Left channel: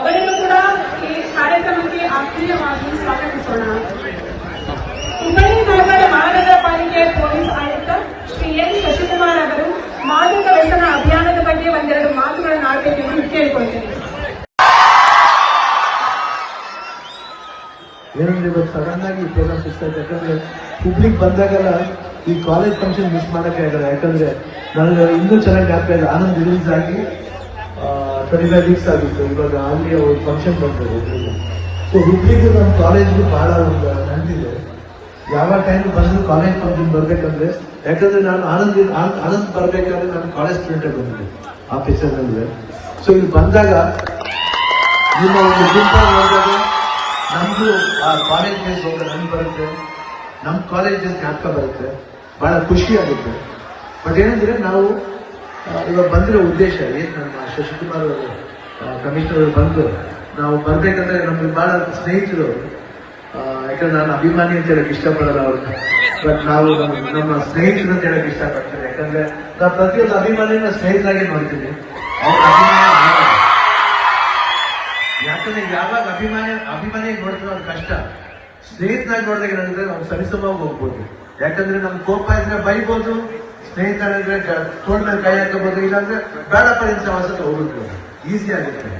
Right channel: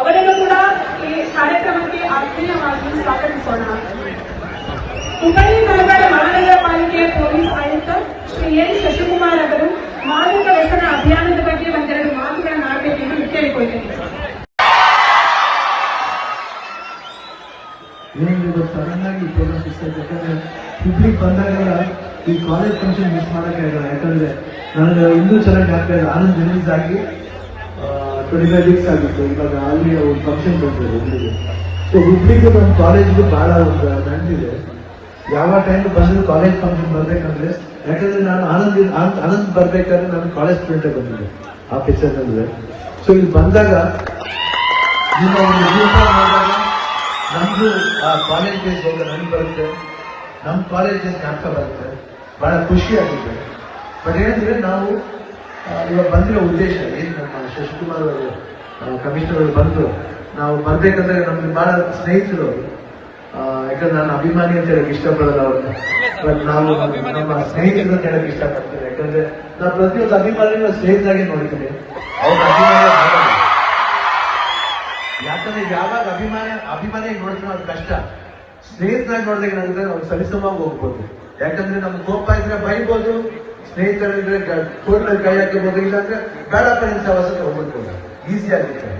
ಅವರಿಗೂ ಕೂಡ ಈ ಕಾರ್ಯಕ್ರಮಕ್ಕೆ ಆತ್ಮೀಯವಾಗಿ ಸ್ವಾಗತಿಸೋಣ. ಹುಬ್ಬಳ್ಳಿ ನಗರ ಮಹಾನಗರ ಪಾಲಿಕೆ ಪೊಲೀಸ್ ಆಯುಕ್ತ ಶ್ರೀ ಎನ್ ಶಶಿಕುಮಾರ್ ಅವರು ಮಾದಕ ವ್ಯಸನ ಅಭಿಯಾನದ ಬಗ್ಗೆ ಒಂದೆರಡು ಮಾತುಗಳನ್ನು ಆಡಬೇಕೆಂದು ಕೇಳಿಕೊಳ್ತೇನೆ. ಏನಿದೆ ಗೊತ್ತು ಸಡನ್ನಾಗಿ ಪ್ರೋಗ್ರಾಮ್ ಫಿಕ್ಸ್ ಆಯ್ತು ಯಾಕಂದ್ರೆ ಬಂದಾಗೆಲ್ಲ ಈ ಕಾಲೇಜ್ ಫಂಕ್ಷನ್ ಮಿಸ್ ಮಾಡೋಕ್ಕಾಗಲ್ಲ. ಯಾಕಂದ್ರೆ ನನಗೆ ಇನ್ನೂ ಚೆನ್ನಾಗಿ ಆಗ್ತಾ ಇದೆ ಆನಂದ್ ರಿಲೀಸ್ ಆಗಿ ಟ್ವೆಂಟಿ ಮಿಕ್ಸ್ ಆಗಿತ್ತು. ಇವಾಗ ಅಲ್ಲಿ ಒಂದು ಫಂಕ್ಷನ್ ಬಂತು ಹುಬ್ಳಿಗೆ ಸೊ ಹುಬ್ಳಿಗೂ ನಮ್ಮ ಕಾಲೇಜ್ಗೆ ಭಾಳ ಒಂದು ನಂಟಿದೆ ಯಾವ ಟೈಮ್ ಬಂದು ಕಾಲೇಜ್ ಫಂಕ್ಷನ್ ಬರ್ಬೇಕಂದ್ರೆ, ಯಾಕಂದ್ರೆ ನಾನು ಆನಂದ್, ಆನಂದ್- ಬರಬೇಕಾದ್ರೆ ನಾನು ಕಾಲೇಜ್ ಸ್ಟೂಡೆಂಟ್ ಬಂದಿದ್ದೆ ಆಫೀಸರ್ ಪಿಕ್ಚರ್ ನಡುವೆ ಸೊ ಇಲ್ಲಿ ಬಂದಾಗ ನಿಮ್ಮ ಒಂದು ಗುಂಪ ಹೋದಾಗ ನಮಗೂ ಆ ಕಾಲೇಜ್ ಡೇಸ್ ಹೋಗ ನಮ್ಗೆ ಬರುತ್ತೆ. ನಮ್ಮ ಕಾಲೇಜ್ ಡೇಸ್ ಅರ್ಥ ಬರುತ್ತೆ. ಬಹಳ ಖುಷಿ ಆಗುತ್ತೆ. ಬಟ್ ಏನಂದ್ರೆ ನಾವು ಇವಾಗ ಬಂದಿರೋ ಉದ್ದೇಶ ಏನು ನಮ್ಮ ಶಶಿಕುಮಾರ್ ಅವರು ಕಮಿಷನರ್ ಬಂದು, ನಾವು ಬಂದೇಕಂದ್ರೆ ನಮಗೆ ಬಹಳ ಸ್ನೇಹಿತರು. ಯಾಕಂದ್ರೆ ನಾನು ಅಭಿಮಾನಿ ಅಂತ ಹೇಳಕ್ ಇಷ್ಟಪಡೋದು ಅವ್ರನ್ನ. ಬಟ್ ನಾವು ನಮ್ಮ- ಸ್ನೇಹಿತರು ಅಂತ ಹೇಳಕ್ ಇಷ್ಟಪಡ್ತೇನೆ. ಯಾಕಂದ್ರೆ ನಾವು ಪ್ರತಿಯೊಂದು ಅಭಿಮಾನಿನ ಸ್ನೇಹಿತರಾಗಿ ನೋಡ್ತೀನಿ. ಅವ್ರ ಅಭಿಮಾನ. ಯಾಕಂದ್ರೆ ಯಾವಾಗ ಅಭಿಮಾನ ಅಭಿಮಾನಿ ನೋಡ್ತೀವಿ ಅದು ಕಷ್ಟ. ಸ್ನೇಹಿತರಾಗಿ ನೋಡಿದಾಗ ನಾವು ಸರಿಸಮವಾಗಿ ಹೋಗ್ಬೋದು. ಯಾಕಂದ್ರೆ ನಮ್ಗೆ ಕೋಪ ಇದ್ರೆ ಬೈಬೋದು. ಸ್ನೇಹಿತರಂದ್ರೆ ತೋಟ ಕೈ ಹಾಕಬಹುದು ಇಲ್ಲಾಂದ್ರೆ ಬೇಡಪ್ಪ ನಿಮ್ ಸವಾಸಕ್ಕೆ ಹೋಗ್ಬೋದು ಈಸಿ ಆಗುತ್ತೆ